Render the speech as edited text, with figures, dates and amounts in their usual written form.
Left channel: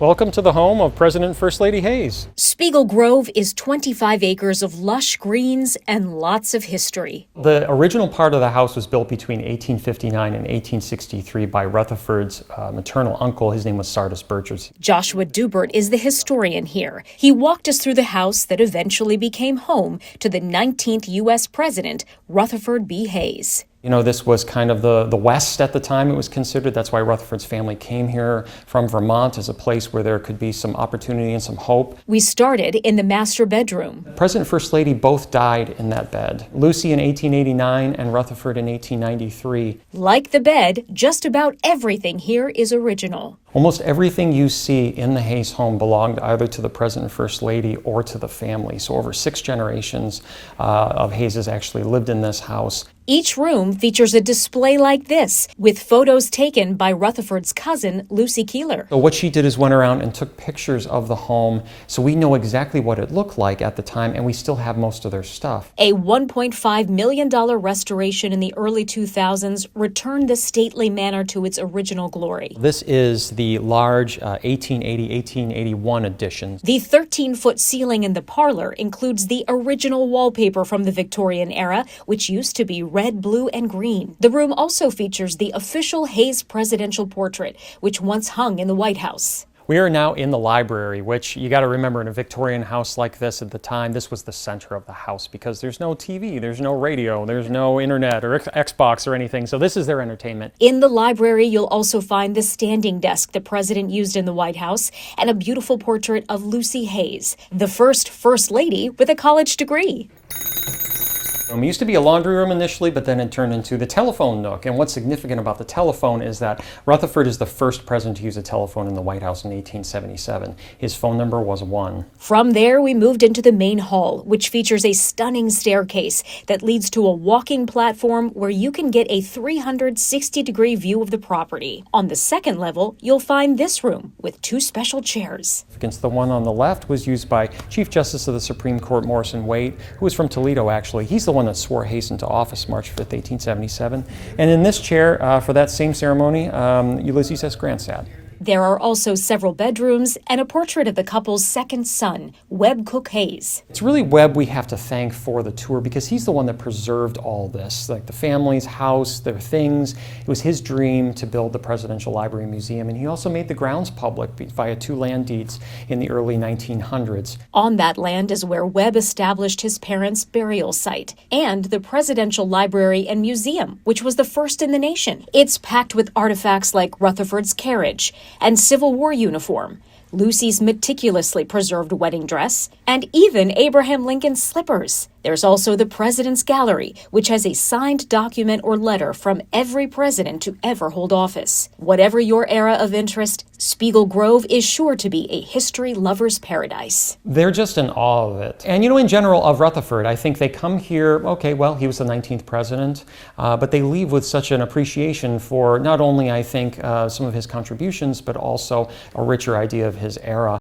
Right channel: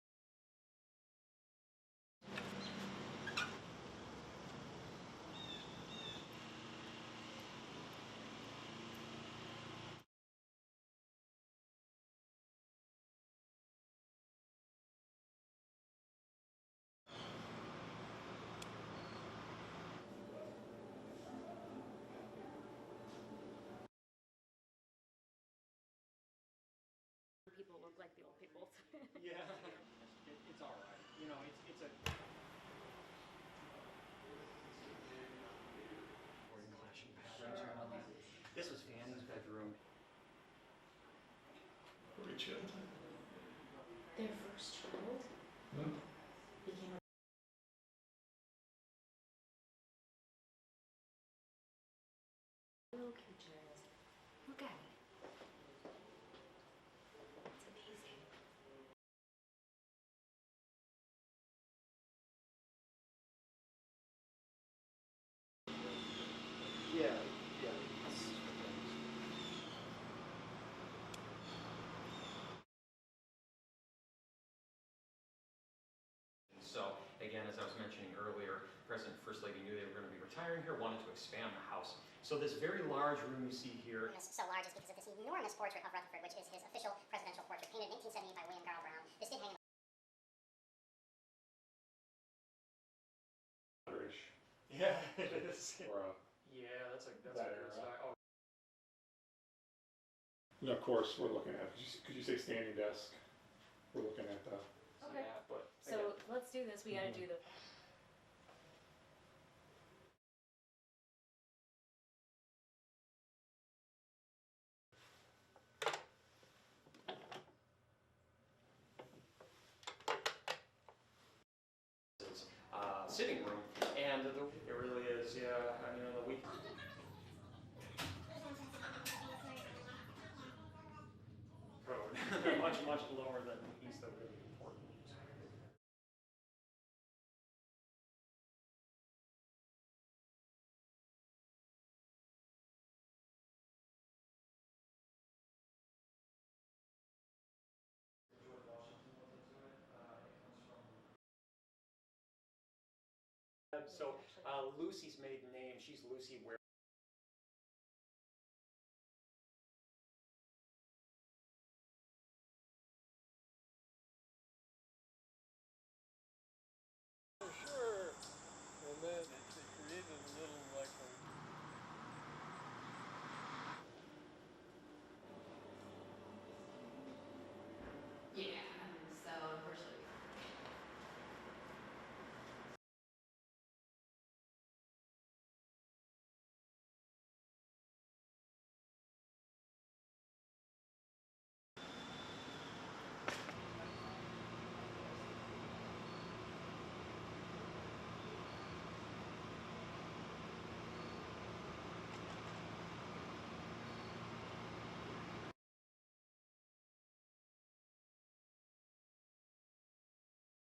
Welcome to the home of President and First Lady Hayes. Spiegel Grove is 25 acres of lush greens and lots of history. The original part of the house was built between 1859 and 1863 by Rutherford's maternal uncle. His name was Sardis Burchard. Joshua Dubert is the historian here. He walked us through the house that eventually became home to the 19th U.S. President, Rutherford B. Hayes. You know, this was kind of the West at the time, it was considered. That's why Rutherford's family came here from Vermont as a place where there could be some opportunity and some hope. We started in the master bedroom. President and First Lady both died in that bed. Lucy in 1889 and Rutherford in 1893. Like the bed, just about everything here is original. Almost everything you see in the Hayes home belonged either to the President and First Lady or to the family. So over 6 generations of Hayes actually lived in this house. Each room features a display like this, with photos taken by Rutherford's cousin, Lucy Keeler. So what she did is went around and took pictures of the home, so we know exactly what it looked like at the time, and we still have most of their stuff. A $1.5 million restoration in the early 2000s returned the stately manor to its original glory. This is the large 1880-1881 edition. The 13-foot ceiling in the parlor includes the original wallpaper from the Victorian era, which used to be red, blue, and green. The room also features the official Hayes presidential portrait, which once hung in the White House. We are now in the library, which you got to remember, in a Victorian house like this at the time, this was the center of the house because there's no TV, there's no radio, there's no internet or Xbox or anything, so this is their entertainment. In the library, you'll also find the standing desk the president used in the White House and a beautiful portrait of Lucy Hayes, the first First Lady with a college degree. It used to be a laundry room initially, but then it turned into the telephone nook. And what's significant about the telephone is that Rutherford is the first president to use a telephone in the White House in 1877. His phone number was 1. From there, we moved into the main hall, which features a stunning staircase that leads to a walking platform where you can get a 360-degree view of the property. On the second level, you'll find this room with 2 special chairs. Against the one on the left was used by Chief Justice of the Supreme Court Morrison Waite, who was from Toledo, actually. He's the one that swore Hayes into office March 5th, 1877. And in this chair, for that same ceremony, Ulysses S. Grant sat. There are also several bedrooms and a portrait of the couple's second son, Webb Cook Hayes. It's really Webb we have to thank for the tour because he's the one that preserved all this, like the family's house, their things. It was his dream to build the Presidential Library Museum, and he also made the grounds public via 2 land deeds in the early 1900s. On that land is where Webb established his parents' burial site and the Presidential Library and Museum, which was the first in the nation. It's packed with artifacts like Rutherford's carriage and Civil War uniform, Lucy's meticulously preserved wedding dress, and even Abraham Lincoln's slippers. There's also the President's Gallery, which has a signed document or letter from every president to ever hold office. Whatever your era of interest, Spiegel Grove is sure to be a history lover's paradise. They're just in awe of it. And you know, in general, of Rutherford, I think they come here, okay, well, he was the 19th president, but they leave with such an appreciation for not only, I think, some of his contributions, but also a richer idea of his era.